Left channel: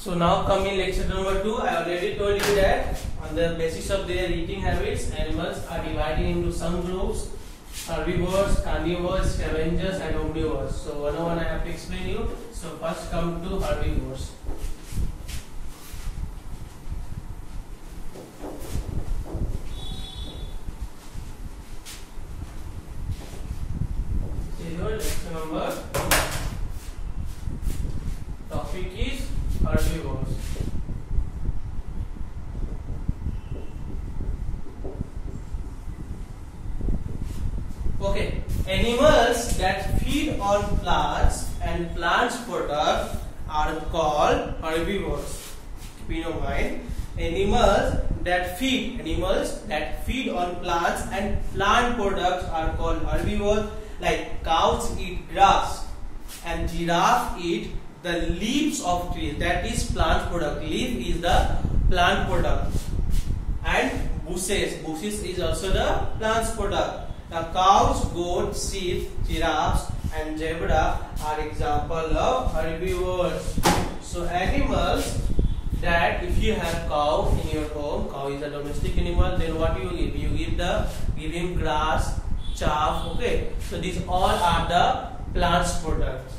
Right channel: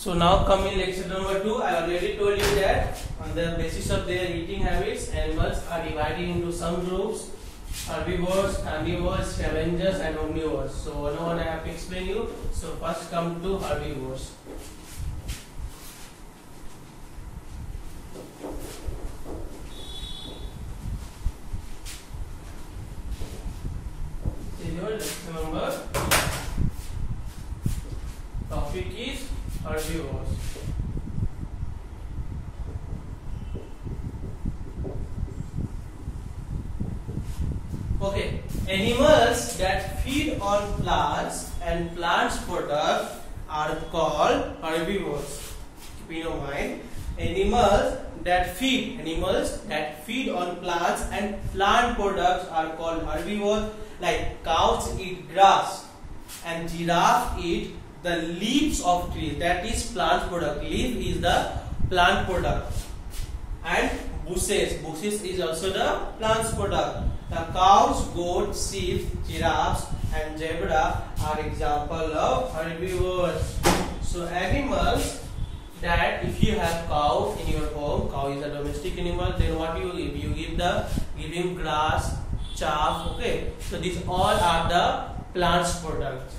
So now come in lecture number 2. I already told you that on the basis of their eating habits, animals are divided into some groups: herbivores, carnivores, scavengers, and omnivores. So one on one I have to explain you. So first come to herbivores. Your lecture number. Topic is herbivores. Okay, animals that feed on plants and plants products are called herbivores. Keep in mind, animals that feed on plants and plant products are called herbivores. Like cows eat grass and giraffe eat the leaves of trees. That is plant product. Leaf is the plant product. And bushes is also the plant's product. The cows, goats, sheep, giraffes and zebra are example of herbivores. So animals that if you have cow in your home, cow is a domestic animal, then what you give? You give him grass, chaff. Okay, so these all are the plant's products.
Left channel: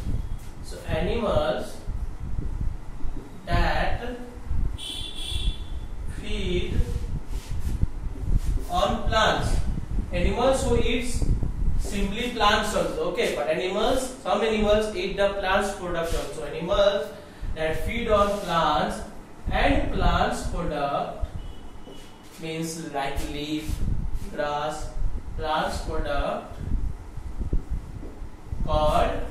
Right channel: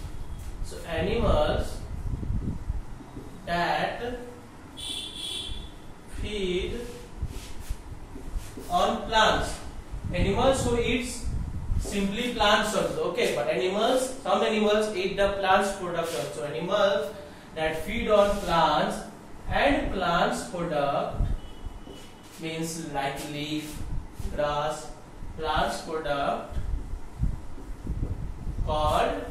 So animals that feed on plants. Animals who eats simply plants also, okay, but some animals eat the plants product also. Animals that feed on plants and plants product means like leaf, grass, plants product are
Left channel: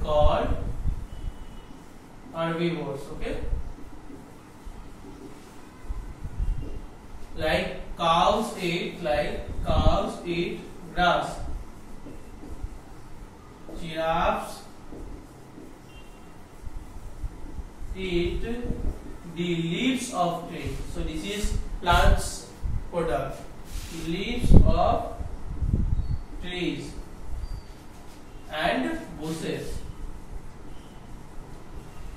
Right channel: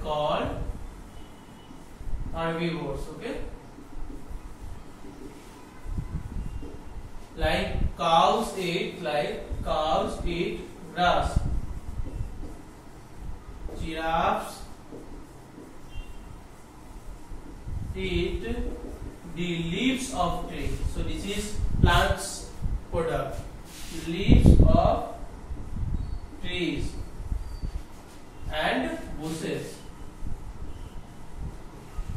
called herbivores, okay. Like cows eat grass. Giraffes eat the leaves of tree. So this is plants product. Leaves of trees and bushes.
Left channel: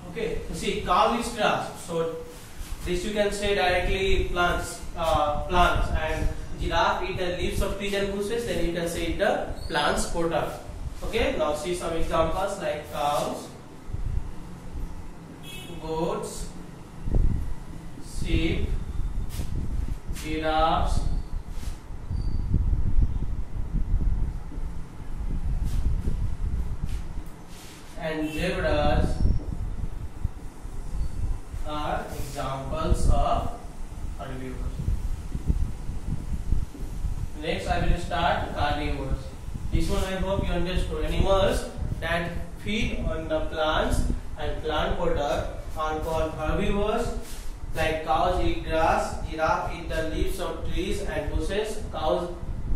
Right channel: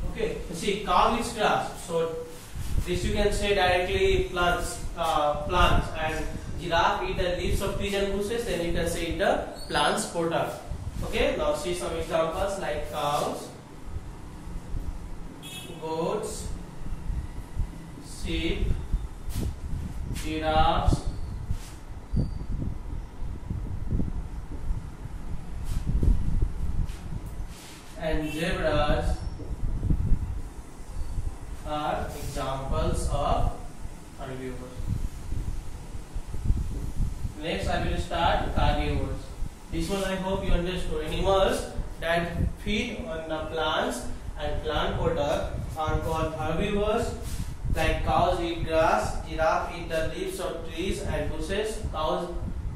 Okay, so see, cow eats grass. So this you can say directly plants, and giraffe eat the leaves of trees and bushes. Then you can say the plants product. Okay, now see some examples like cows, goats, sheep, giraffes, and zebras are examples of herbivores. Next I will start carnivores. This one I hope you understood. Animals that feed on the plants and plant product are called herbivores. Like cows eat grass, giraffe eat the leaves of trees and bushes. Cows,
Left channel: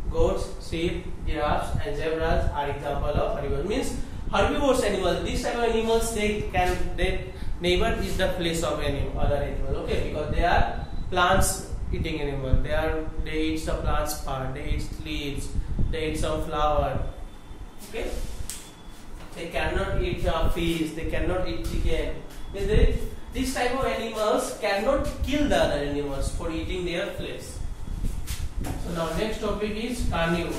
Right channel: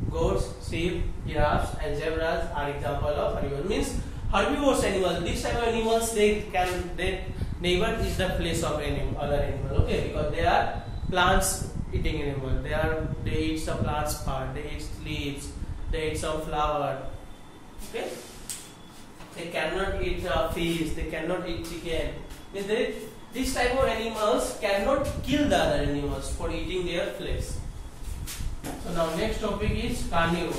goats, sheep, giraffes and zebras are example of herbivores. Means herbivores animals. These type of animals they never eat the flesh of other animal. Okay, because they are plants eating animal. They eat some plants part. They eat leaves. They eat some flower. Okay. They cannot eat fish. They cannot eat chicken. These type of animals cannot kill the other animals for eating their flesh. So now next topic is carnivores.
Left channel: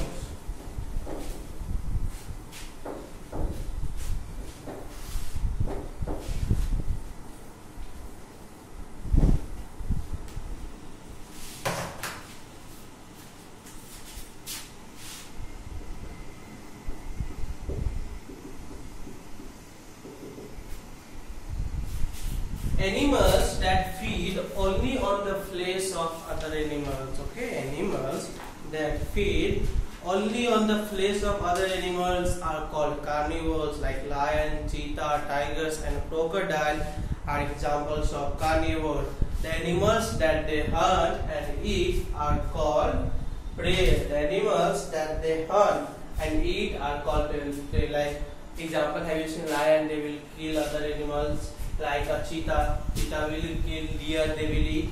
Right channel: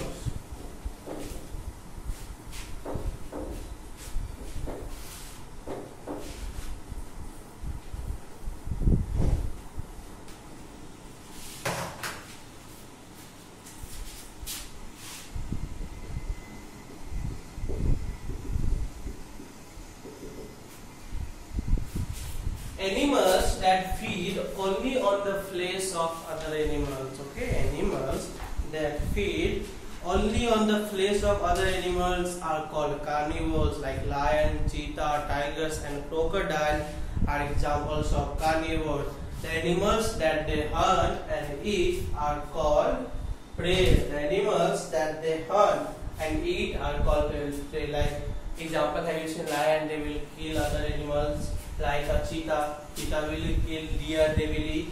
Animals that feed only on the flesh of other animals. Okay, animals that feed only on the flesh of other animals are called carnivores. Like lion, cheetah, tigers and crocodile are examples of carnivores. The animals that they hunt and eat are called prey. The animals that they hunt and eat are called prey. Like example, have you seen lion? They will kill other animals. Like a cheetah will kill deer, they will eat.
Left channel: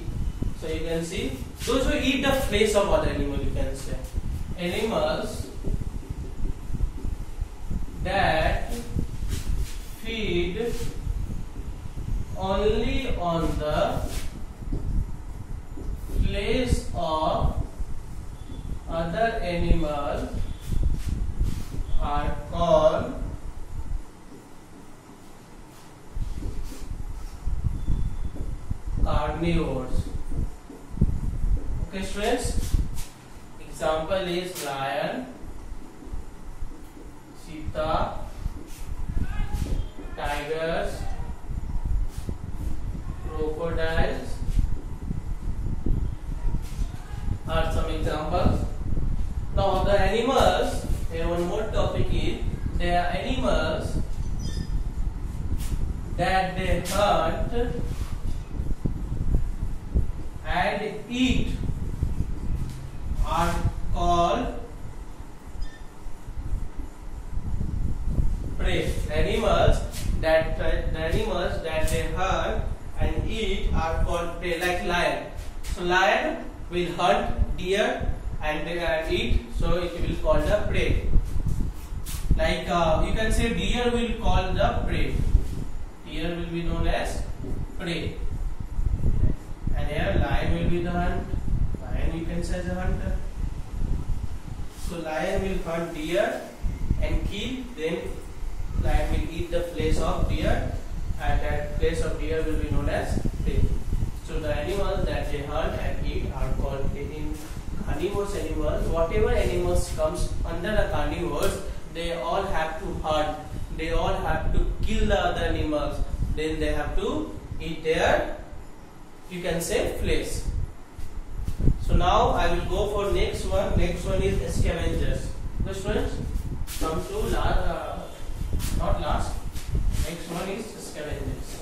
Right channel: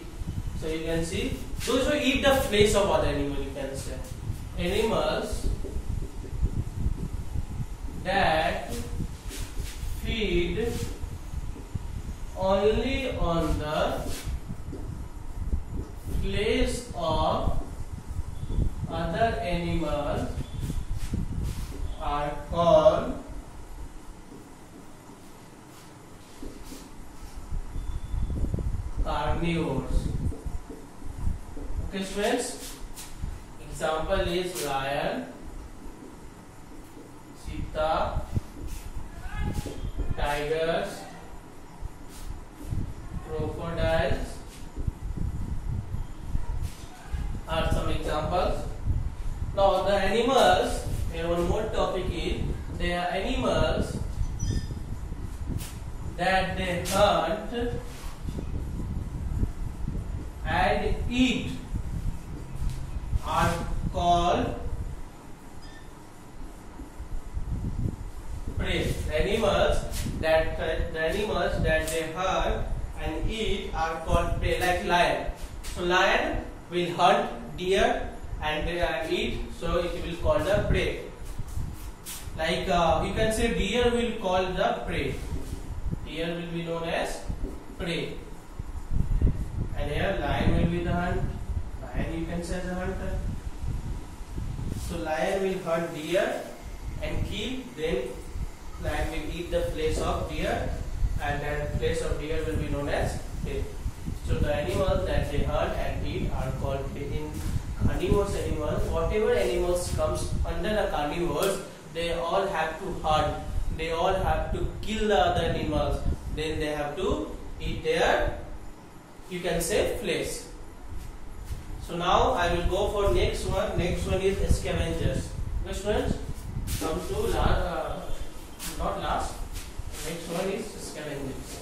So you can see those who eat the flesh of other animal, you can say. Animals that feed only on the place of other animals are called carnivores. Okay, students. Example is lion, cheetah, tigers, crocodiles are some examples. Now the animals, here one more topic is, they are animals that they hunt and eat are called prey. Animals that they hunt and eat are called prey, like lion. So lion will hunt deer and they eat, so it will call the prey. Like you can say deer will call the prey. Deer will be known as prey. And here lion will be the hunt. Lion you can say as a hunter. So lion will hunt deer and kill, then lion will eat the flesh of deer, and that flesh of deer will be known as prey. So the animals that they hunt and eat are called prey. In carnivorous animals, whatever animals comes under the carnivores, they all have to hunt. They all have to kill the other animals. Then they have to eat their, you can say, flesh. So now I will go for next one. Next one is scavengers. Okay, students, come to last, not last. Next one is scavengers.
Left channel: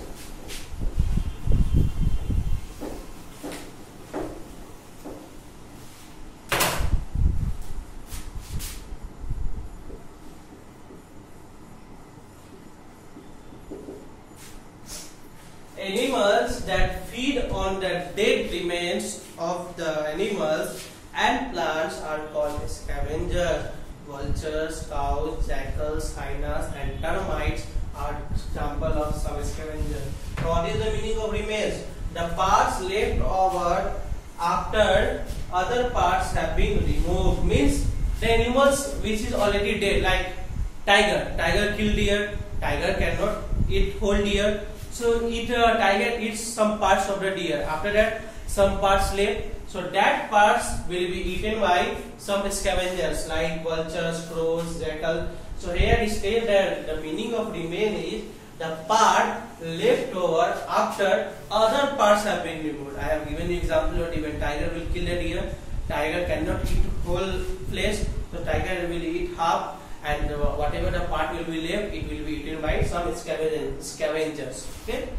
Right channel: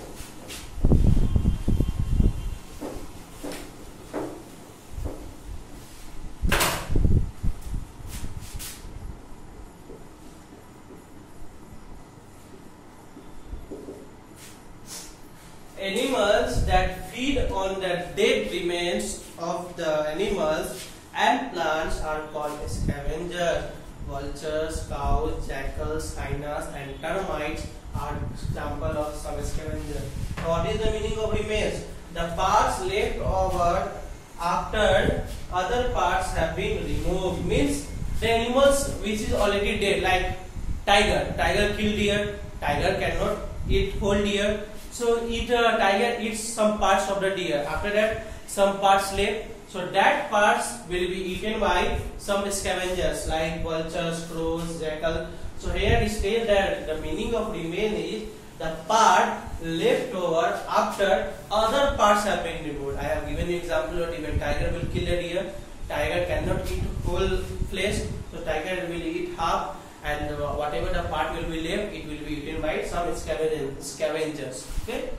Animals that feed on the dead remains of the animals and plants are called scavengers. Vultures, cows, jackals, hyenas and termites are examples of some scavengers. What is the meaning of remains? The parts left over after other parts have been removed. Means the animals which is already dead, like tiger. Tiger kill deer. Tiger cannot eat whole deer. So tiger eats some parts of the deer. After that, some parts left. So that parts will be eaten by some scavengers like vultures, crows, jackal. So here it states that the meaning of remain is the part left over after other parts have been removed. I have given you example of even tiger will kill a deer. Tiger cannot eat whole flesh. So tiger will eat half. And whatever the part will be left, it will be eaten by some scavengers. Okay,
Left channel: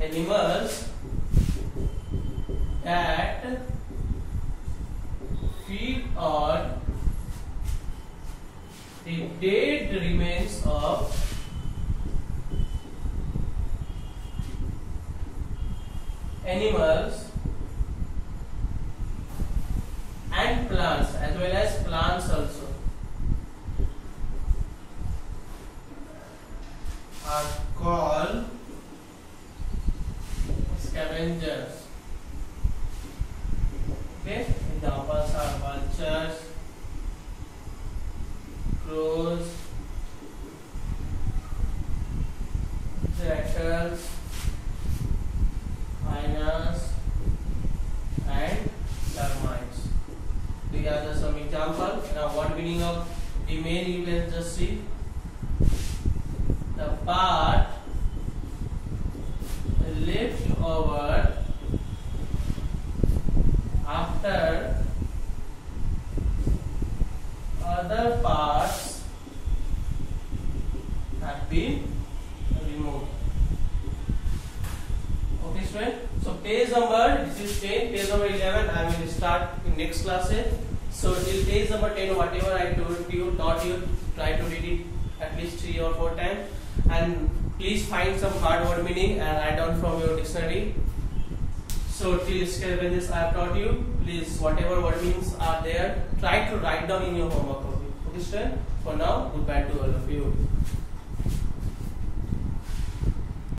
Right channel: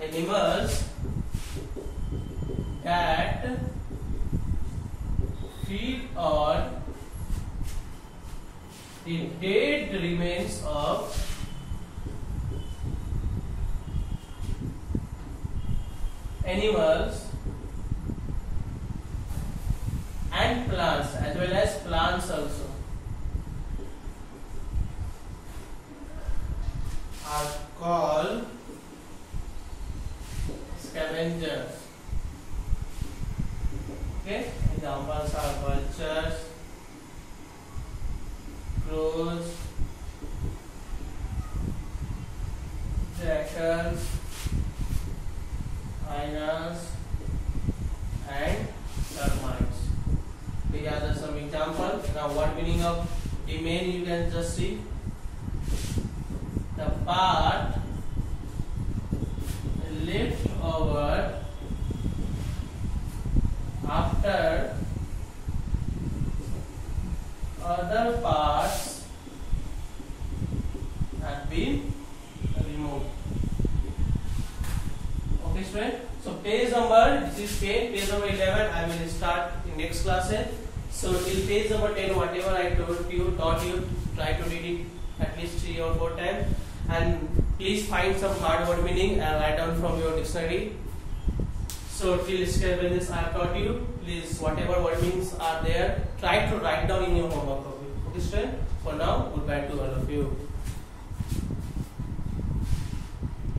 animals that feed on the dead remains of animals and plants, as well as plants also, are called scavengers. Okay, examples are vultures, crows, jackals, hyenas and termites. These are the some examples. Now what meaning of remain you can just see. The part left over after other parts have been removed. Okay, student. So page number, this is page number 11. I will start in next classes. So till page number 10, whatever I taught you, try to read it at least 3 or 4 times. And please find some hard word meaning and write down from your dictionary. So till scavengers I have taught you, please whatever word meanings are there, try to write down in your homework copy. Okay, student. For now, goodbye to all of you.